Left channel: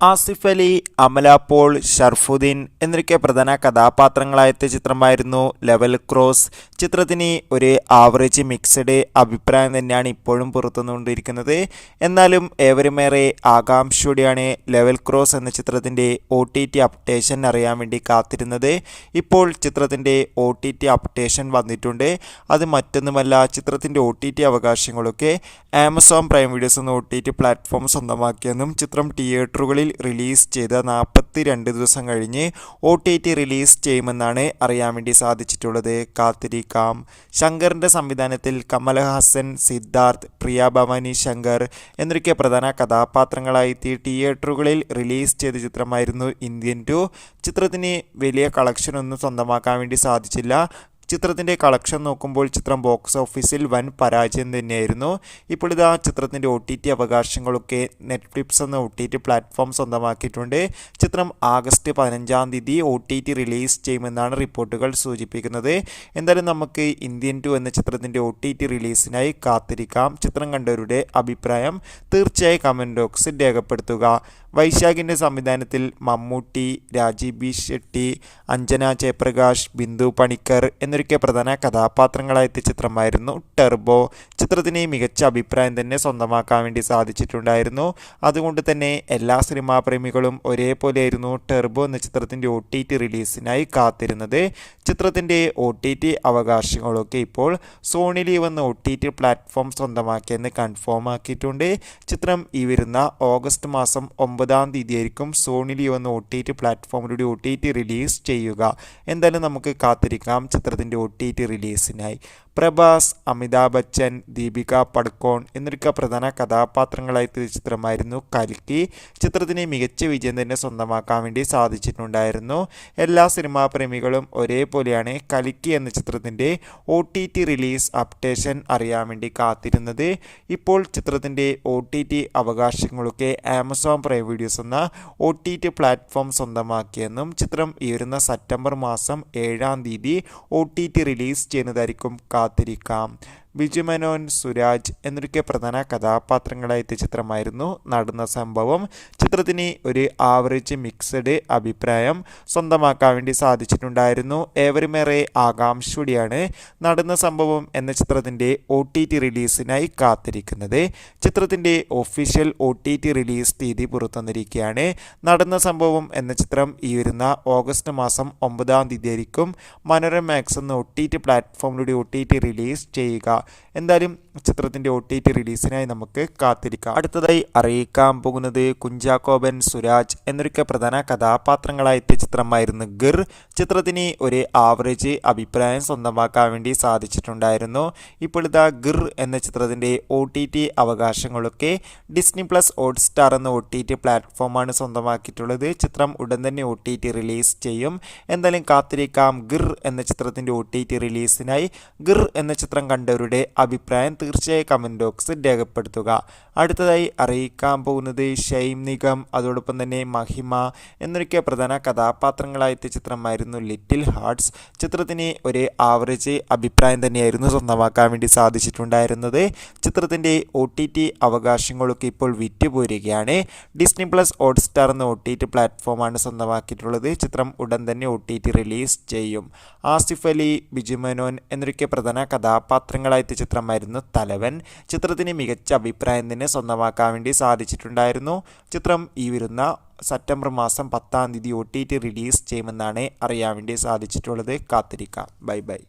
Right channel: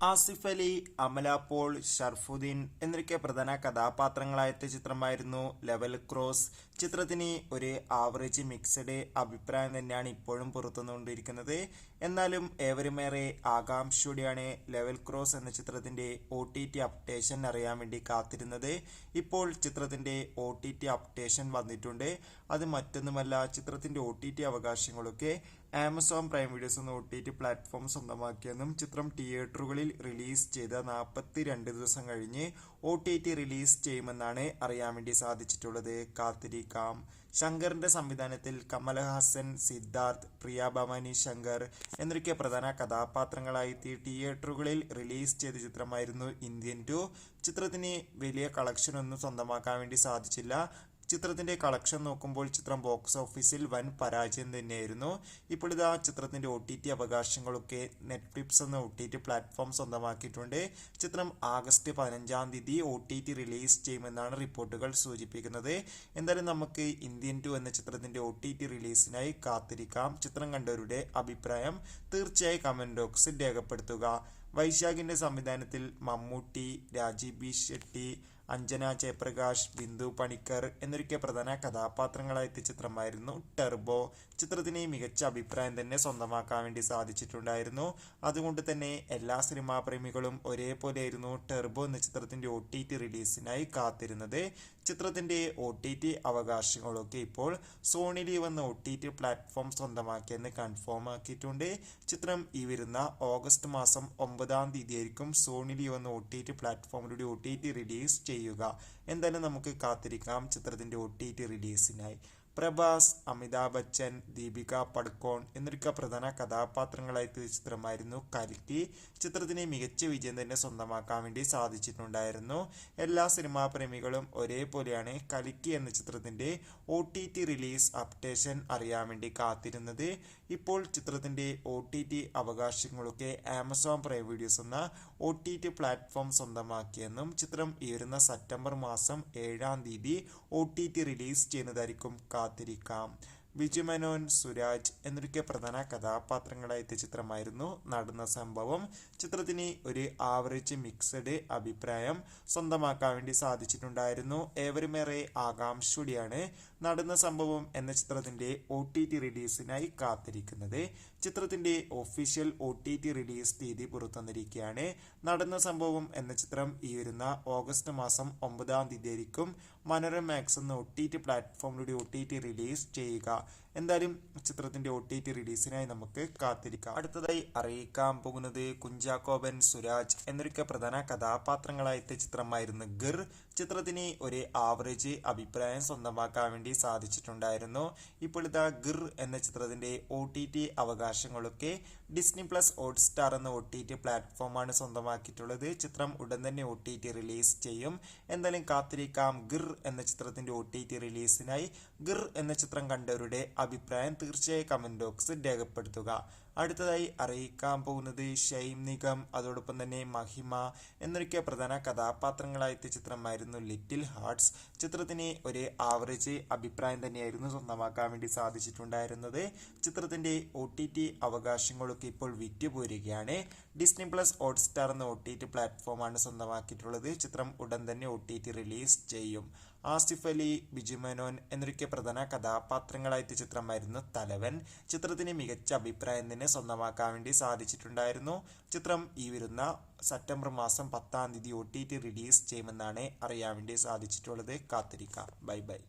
ആസിഫ് അലി, അമല പോൾ, ഷർഫുദ്ദീൻ എന്നൊക്കെ പ്രധാന കഥാപാത്രങ്ങളായെത്തിയ ചിത്രമായിരുന്നു ലെവൽ ക്രോസ്. ചിത്രത്തിന് ഒരു ആവറേജ് മിക്സഡ് അഭിപ്രായം തന്നെയാണ് ഇപ്പോഴും പുറത്തുനിന്നുകൊണ്ടിരിക്കുന്നത്. എന്നാലും ഏവരുമേറെ ആകാംക്ഷയോടെയാണ് ലെവൽ ക്രോസ് എന്ന ചിത്രത്തിൻ്റെ OTT അപ്ഡേഷൻ അറിയാൻ വേണ്ടി കാത്തിരുന്നത്. ഇപ്പോൾ ചിത്രത്തിൻ്റെ OTT അപ്ഡേഷൻ വന്നിട്ടുണ്ട്. അത് മറ്റൊന്നുമല്ല, ചിത്രത്തിൻ്റെ OTT അവകാശങ്ങളൊക്കെ ആമസോൺ പ്രൈം വീഡിയോസ് എന്ന OTT പ്ലാറ്റ്ഫോം സ്വന്തമാക്കിയെന്നും ചിത്രം തിയേറ്ററുകളിൽ റിലീസ് ചെയ്ത 42 ദിവസം കഴിഞ്ഞ് OTT റിലീസ് ചെയ്യുമെന്നാണ് അറിയാൻ വേണ്ടി സാധിച്ചിട്ടുള്ളത്. കാത്തിരിക്കാം. ശങ്കറിൻ്റെ സംവിധാനത്തിൽ കമൽഹാസൻ, സിദ്ധാർത്ഥ്, പ്രിയ ഭവാനി ശങ്കർ എന്നൊക്കെ പ്രധാന കഥാപാത്രങ്ങളായി തിയേറ്ററുകളിൽ റിലീസ് ചെയ്ത ചിത്രമായിരുന്നു ഇന്ത്യൻ 2. ചിത്രത്തിന് വലിയ കളക്ഷനൊന്നും സ്വന്തമാക്കാൻ വേണ്ടി സാധിച്ചില്ല. ചിത്രത്തിൻ്റെ കളക്ഷൻ നോക്കുമ്പോൾ ചിത്രം ബോക്സ് ഓഫീസിൽ വൻ പരാജയം തന്നെയായിരുന്നു. ഇപ്പോൾ ഇതാ ചിത്രത്തിൻ്റെ OTT അവകാശങ്ങളൊക്കെ നെറ്റ്ഫ്ലിക്സ് എന്ന OTT പ്ലാറ്റ്ഫോം സ്വന്തമാക്കിയിട്ടുണ്ട്. ചിത്രം ആഗസ്റ്റ് 15-ാം തീയതി OTT റിലീസ് ചെയ്യുമെന്നാണ് റിപ്പോർട്ടുകൾ സൂചിപ്പിക്കുന്നത്. എന്തായാലും നമുക്ക് ഇന്ത്യൻ 2 എന്ന ചിത്രത്തിൻ്റെ OTT റിലീസിനായി കാത്തിരിക്കാം. ചിത്രം കണ്ടവരുടെ അഭിപ്രായം തീർച്ചയായും കമൻറ്റ് ബോക്സിൽ രേഖപ്പെടുത്തുക. വൈശാഖിൻ്റെ സംവിധാനത്തിൽ മമ്മൂട്ടി, രാജീവ് ബി ഷെട്ടി, അഞ്ജന ജയപ്രകാശ്, ബിന്ദു പണിക്കർ എന്നൊക്കെ പ്രധാന കഥാപാത്രങ്ങളായെത്തിയ ചിത്രമായിരുന്നു ടർബോ. ചിത്രത്തിന് മികച്ച അഭിപ്രായം തന്നെ സ്വന്തമാക്കാൻ വേണ്ടി സാധിച്ചിട്ടുണ്ടായിരുന്നു. അതുകൊണ്ട് തന്നെ എല്ലാ സിനിമാ പ്രേമികളും ഒരേപോലെയായിരുന്നു ടർബോ എന്ന ചിത്രത്തിൻ്റെ OTT റിലീസിനായി കാത്തിരുന്നത്. ചിത്രത്തിൻ്റെ OTT അവകാശങ്ങളൊക്കെ ഇപ്പോൾ സോണി ലീവ് എന്ന OTT പ്ലാറ്റ്ഫോം സ്വന്തമാക്കിയെന്ന് കൺഫേം ആക്കിയിട്ടുണ്ട്. ചിത്രം ഈ വരുന്ന ഓഗസ്റ്റ് മാസം 9-ാം തീയതി ആയിരിക്കും സോണി ലീവ് എന്ന OTT പ്ലാറ്റ്ഫോമിലൂടെ OTT റിലീസ് ചെയ്യുക. എന്തായാലും നമുക്ക് കാത്തിരിക്കാം ചിത്രത്തിൻ്റെ OTT റിലീസിനായി. പ്രഭാസ്, അമിതാഭ് ബച്ചൻ, ദീപിക പടുക്കോൺ എന്നൊക്കെ പ്രധാന കഥാപാത്രങ്ങളായെത്തിയ ചിത്രമായിരുന്നു കൽക്കി. ചിത്രത്തിന് മികച്ച വിജയം തന്നെ സ്വന്തമാക്കാൻ വേണ്ടി സാധിച്ചിട്ടുണ്ടായിരുന്നു. എല്ലാ സിനിമാ പ്രേമികളും ഒരേപോലെയാണ് കൽക്കി എന്ന ചിത്രത്തിൻ്റെ OTT റിലീസ് അപ്ഡേഷൻ അറിയാൻ വേണ്ടി കാത്തിരുന്നത്. ഇപ്പോൾ ചിത്രത്തിൻ്റെ OTT അവകാശങ്ങളൊക്കെ ആമസോൺ പ്രൈം വീഡിയോസ് എന്ന OTT പ്ലാറ്റ്ഫോം സ്വന്തമാക്കിയെന്നും ചിത്രം ഈ വരുന്ന സെപ്റ്റംബർ മാസം 7-ാം തീയതി OTT റിലീസ് ചെയ്യുന്നതായിരിക്കും. കാത്തിരിക്കാം. ബിജു മേനോൻ, സുരാജ് എന്നൊക്കെ പ്രധാന കഥാപാത്രങ്ങളായെത്തിയ ചിത്രമായിരുന്നു നടന്ന സംഭവം. ചിത്രത്തിന് ഒരു ആവറേജ് മിക്സഡ് അഭിപ്രായം സ്വന്തമാക്കാൻ വേണ്ടി സാധിച്ചിട്ടുണ്ടായിരുന്നു. ഏവരുമേറെ ആകാംക്ഷയോടെയാണ് നടന്ന സംഭവം എന്ന ചിത്രത്തിൻ്റെ OTT റിലീസിനായി കാത്തിരിക്കുന്നത്. ചിത്രത്തിൻ്റെ ഒഫീഷ്യൽ OTT റിലീസ് തീയതി പുറത്തുവന്നിരിക്കുകയാണ്. നടന്ന സംഭവം എന്ന ചിത്രം ഈ വരുന്ന ഓഗസ്റ്റ് മാസം 9-ാം തീയതി ആയിരിക്കും മനോരമ മാക്സ് എന്ന OTT പ്ലാറ്റ്ഫോമിലൂടെ OTT റിലീസ് ചെയ്യുക. എന്തായാലും ചിത്രത്തിൻ്റെ OTT റിലീസിനായി നമുക്ക് കാത്തിരിക്കാം. അടുത്തതായി അറിയിക്കാൻ പോകുന്നത് കുഞ്ചാക്കോബൻ, സുരാജ് എന്നൊക്കെ പ്രധാന കഥാപാത്രങ്ങളായെത്തിയ ചിത്രമായിരുന്നു ഗിർ. ചിത്രത്തിന് ഒരു ആവറേജ് അഭിപ്രായം സ്വന്തമാക്കാൻ വേണ്ടി സാധിച്ചിട്ടുണ്ടായിരുന്നു. ഇപ്പോൾ ഇതാ ഗിർ എന്ന ചിത്രത്തിൻ്റെ OTT അവകാശങ്ങളൊക്കെ ഡിസ്നി പ്ലസ് ഹോട്ട്സ്റ്റാർ എന്ന OTT പ്ലാറ്റ്ഫോമാണ് സ്വന്തമാക്കിയിട്ടുള്ളത്. ചിത്രം ഉടൻ തന്നെ OTT റിലീസ് ചെയ്യും. എന്തായാലും കാത്തിരിക്കാം ഗിർ എന്ന ചിത്രത്തിൻ്റെ OTT റിലീസിനായി. ഗിർ എന്ന ചിത്രം കണ്ടവരുടെ അഭിപ്രായം തീർച്ചയായും കമൻറ്റ് ബോക്സിൽ രേഖപ്പെടുത്തുക. അടുത്തതായി അറിയിക്കാൻ പോകുന്നത് ഷൈം നിഗം, അതോടൊപ്പം തന്നെ മഹിമ എന്നൊക്കെ പ്രധാന കഥാപാത്രങ്ങളായെത്തിയ ചിത്രമായിരുന്നു ലിറ്റിൽ ഹാർട്ട്സ്. ചിത്രത്തിന് ഒരു ആവറേജ് അഭിപ്രായം തന്നെയായിരുന്നു സ്വന്തമാക്കാൻ വേണ്ടി സാധിച്ചിട്ടുണ്ടായിരുന്നത്. ചിത്രത്തിൻ്റെ OTT അവകാശങ്ങളൊക്കെ ഇപ്പോൾ വിറ്റുപോരുകയാണ്. ഡിസ്നി പ്ലസ് ഹോട്ട്സ്റ്റാർ എന്ന OTT പ്ലാറ്റ്ഫോമാണ് സ്വന്തമാക്കിയിട്ടുള്ളത്. ചിത്രം ഉടൻ തന്നെ OTT റിലീസ് ചെയ്യും. ആസിഫ് അലി, ബിജു മേനോൻ എന്നൊക്കെ പ്രധാന കഥാപാത്രങ്ങളായെത്തിയ ചിത്രമായിരുന്നു തലവൻ. ചിത്രത്തിന് മികച്ച അഭിപ്രായം തന്നെ സ്വന്തമാക്കാൻ വേണ്ടി സാധിച്ചിട്ടുണ്ടായിരുന്നു. ചിത്രം ഈ വരുന്ന സെപ്റ്റംബർ മാസം 10-ാം തീയതി OTT റിലീസ് ചെയ്യുമെന്നാണ് അറിയാൻ വേണ്ടി സാധിച്ചിട്ടുള്ളത്. കാത്തിരിക്കാം. Bye bye.